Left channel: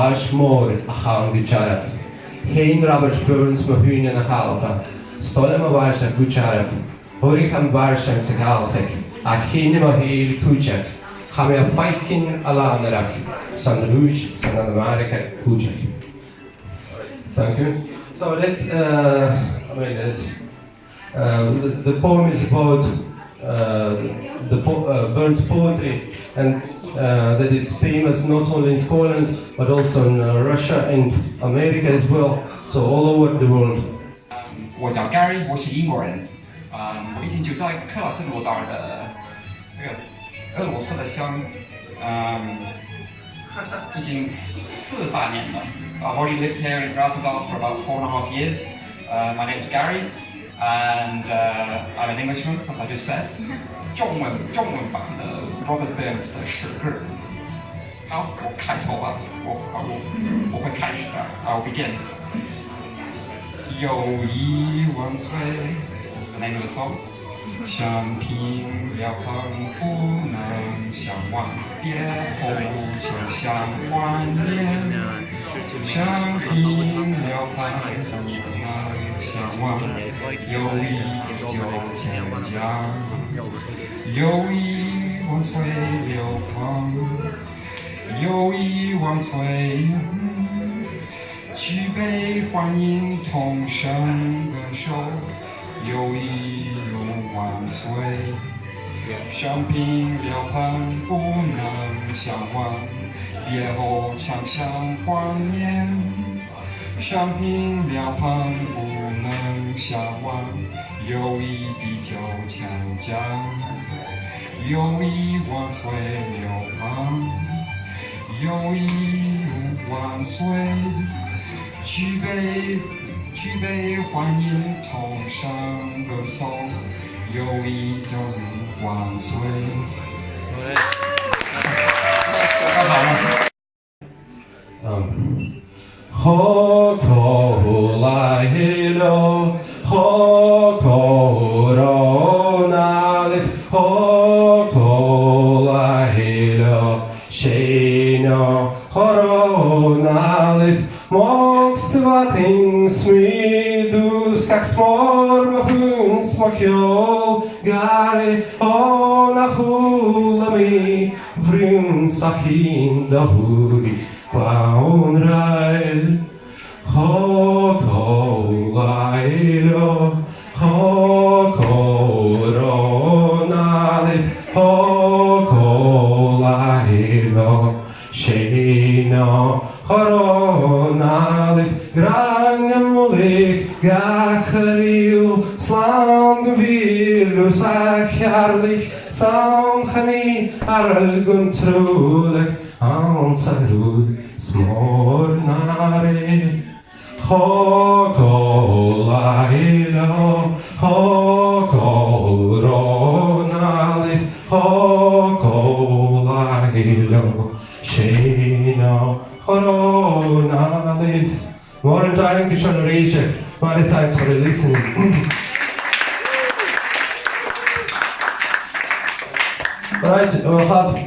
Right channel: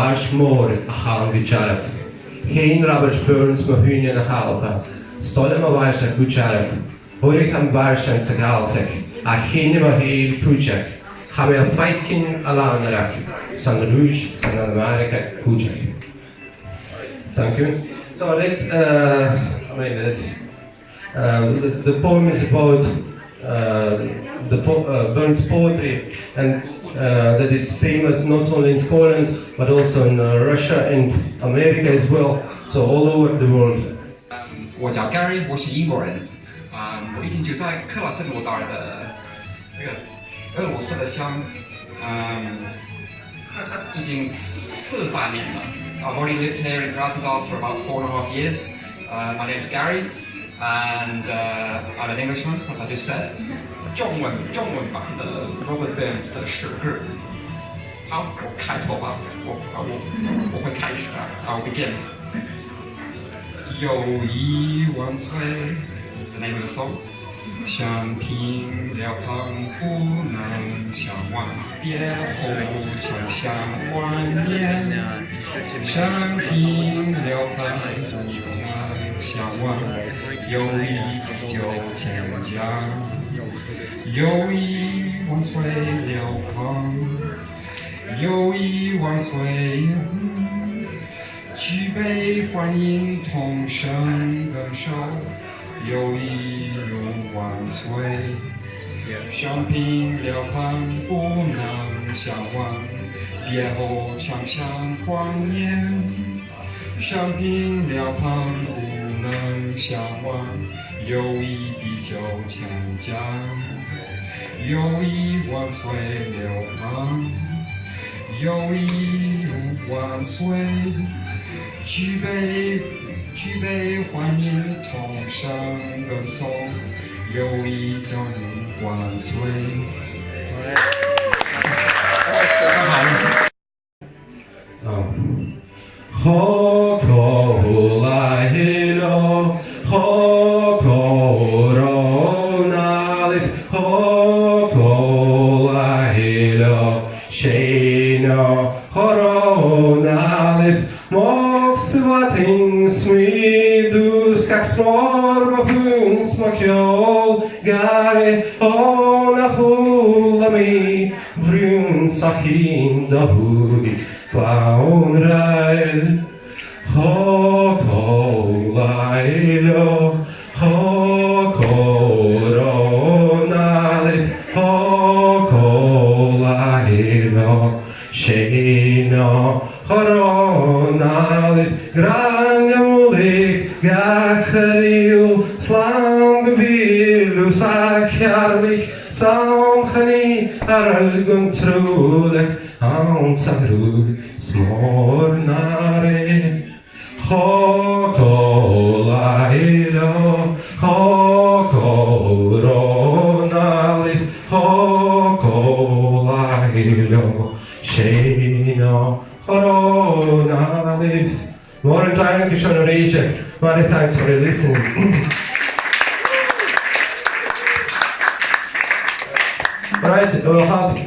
Ashmore a chan gujaraf. Hein Robert Burns Mahunian a halba. Stolen a varsha gujaraf. Hurricane Barsha and Sagaltek. A hinim a heel pujak. Have a fighting alanarak. San Rouge, San America, pujak. Thank you. So let's, the poem is about Burns poetry, and that is famous not only in Scotland but also in Russia and America as well, so all over the world. 我叫 Gary， 我是英国人。我以前就在克拉斯诺达的那个俄罗斯的乡，已经48年了。I've already lived here in Krasnodar for about 4.5 years. My name's Gary, and I'm an Englishman, as I just said. 中文版的 Robert Burns 的诗歌。好，我开头吧，我会开始吧。I'll begin. 友谊万岁 ，That's the name of the song. 相平了旁不能相忘，别后就像万年。相平了旁不能相忘，友谊地久天长。友谊万岁了旁，友谊万岁。举杯欢迎同声更手，友谊永万岁。相平了旁不能相忘，别后常想怀念。相平了旁不能相忘，友谊地久天长。友谊万岁了旁，友谊永万岁。举杯欢迎同声歌颂，友谊永万岁。Hoko lahilo, hoko ronalif, hoko lahilo, sheno horonalif, moksvatin smidus, kak smorma huns makjol, gare ona hulami, vrun sakin da hudik. Clown ride, hoko lailo, hoko ronalif, hoko lailo, sheno horonalif, granjulik, gachariu, slangvilu, sakjarlik, samchani, arguntrulek, Ansarud smornare, hoko lailo, hoko ronalif, hoko lailo, sheno horonalif. More thank you, Shona. Many thanks for listening. Right, we'll have.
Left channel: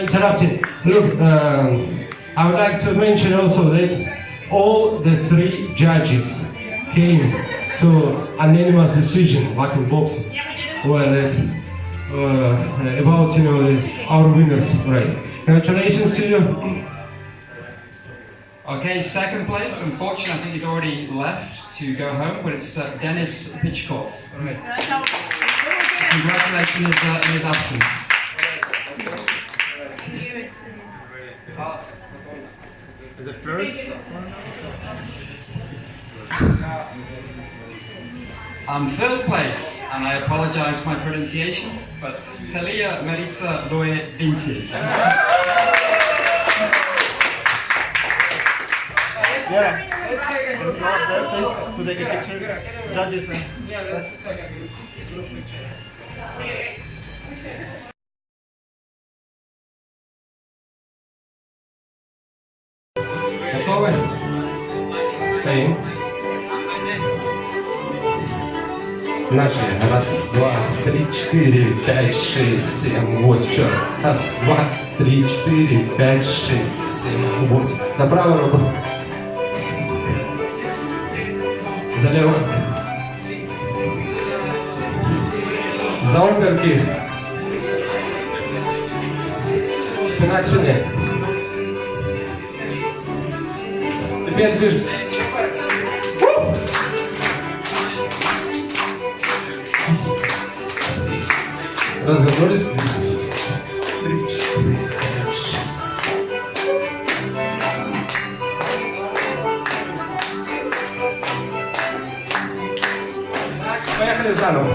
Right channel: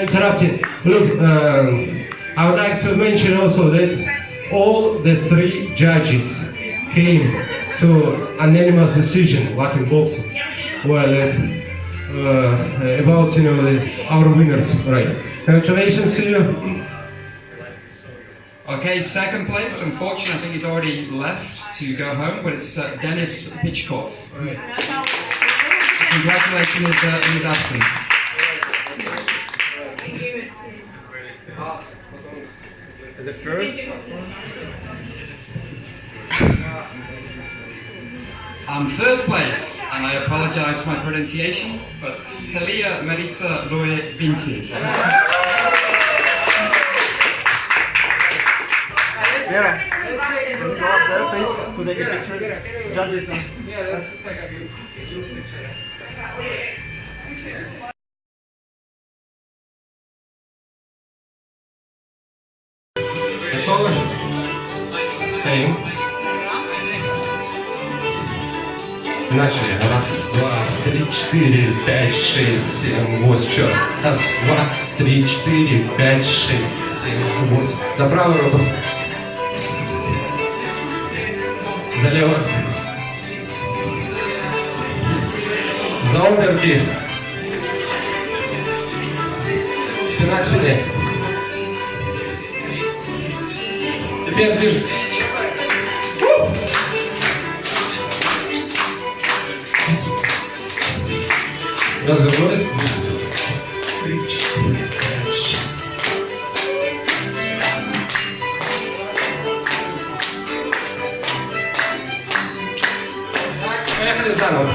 Interrupted. Look, I would like to mention also that all the 3 judges came to an unanimous decision, like in boxing, where that about our winners. Right. Congratulations to you. Okay, second place. Unfortunately, I think he's already left to go home, but it's Dennis Pitchkov. Congratulations in his absence. The first first place, and I apologize for my pronunciation, but Talia Maritza Loe Vinces. Yeah. Can you go up there, please, to take a picture? Judges. Yeah, let's take a picture. Staying. Начали. Раз, два, три, четыре, пять, шесть, семь, восемь. Еще раз. Раз, два, три, четыре, пять, шесть, семь, восемь. За правую руку. За левую. За обе руки. Спина к спине. Теперь движется. Развернулись. 3, 4, 5, 6. Так, поехали заново.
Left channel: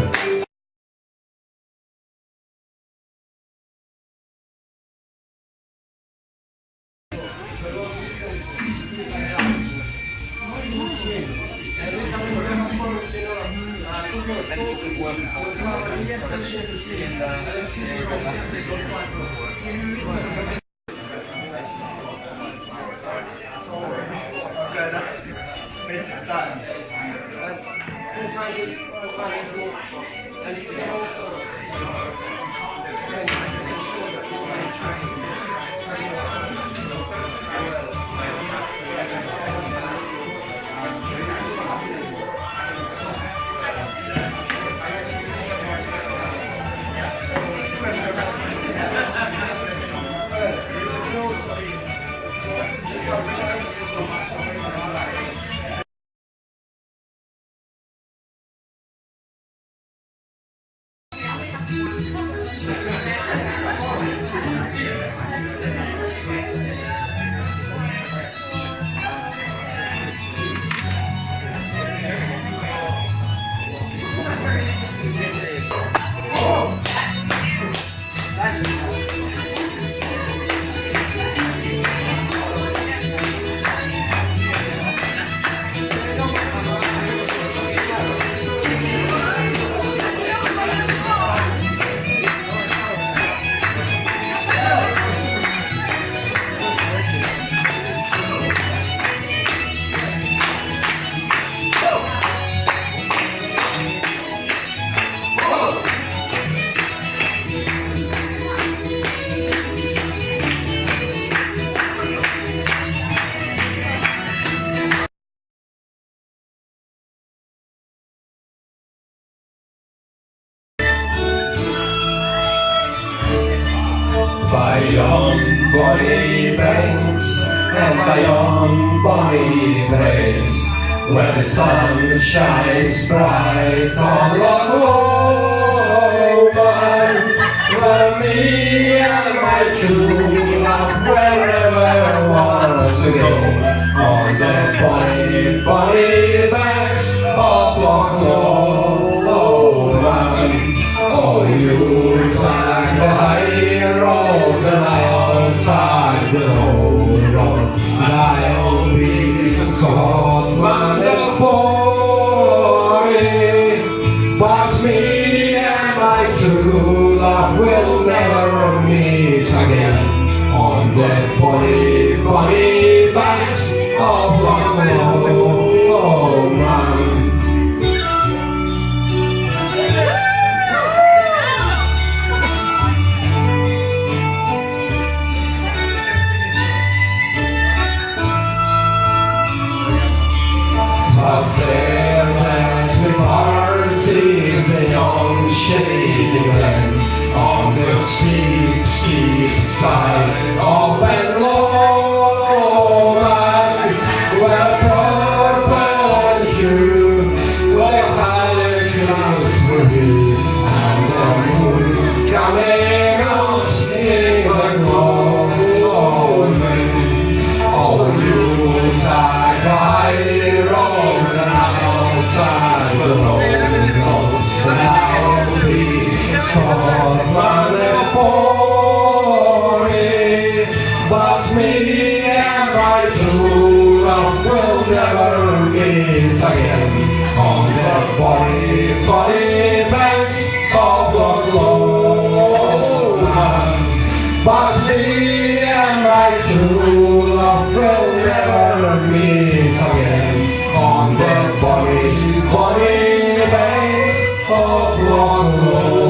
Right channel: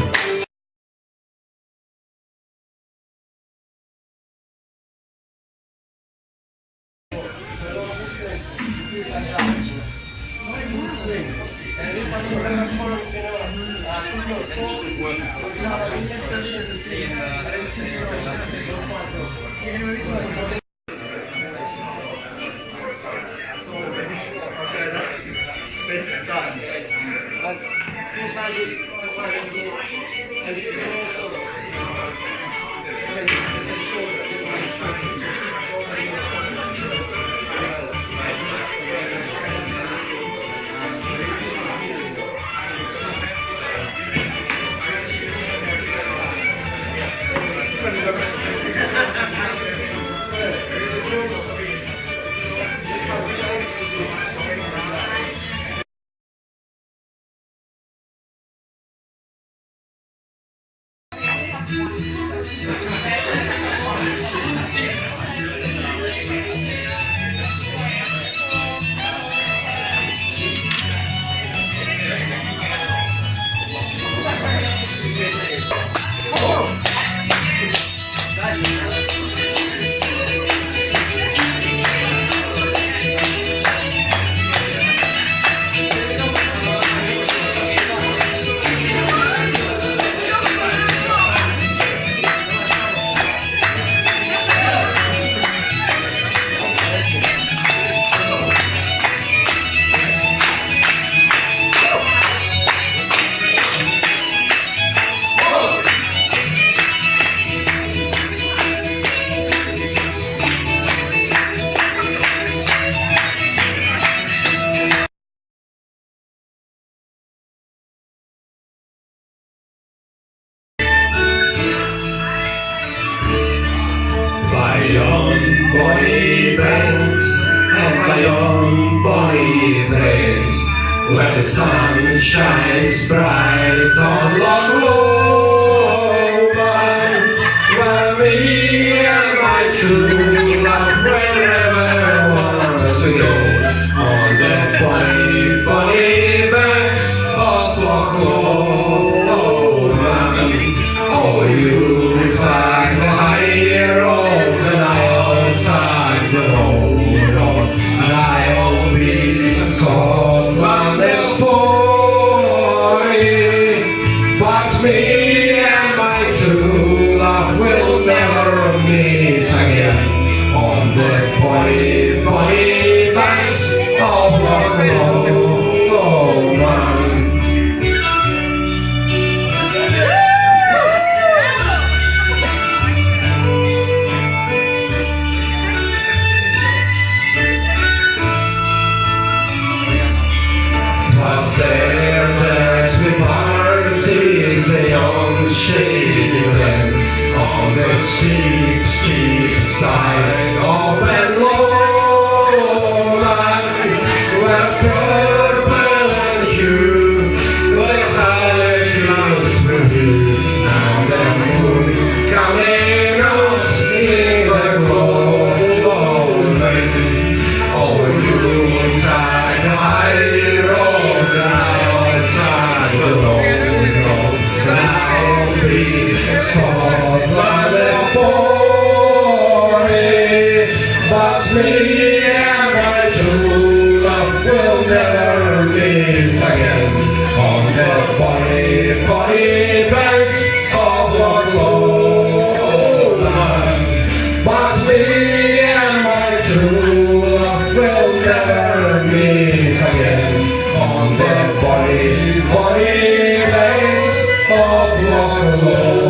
Where the sun shines bright on Long Lowland, where me and my true love wherever I want to go, on the bonny, bonny banks of Loch Lowland. Oh, you take the high road and I'll take the low road, and I'll be in Scotland. But me and my true love will never meet again on the bonny, bonny banks of Loch Lowland. Twas there that we parted on shady glen, on the steep, steep side of Ben Lomond, where purple and hue, where high clouds were blue, and the moon coming out in the gloaming. Oh, you take the high road and I'll take the low road, and I'll be Scotland and Forey. But me and my true love will never meet again on the bonny, bonny banks of Loch Lowland. But me and my true love will never meet again on the bonny, bonny banks of Oh,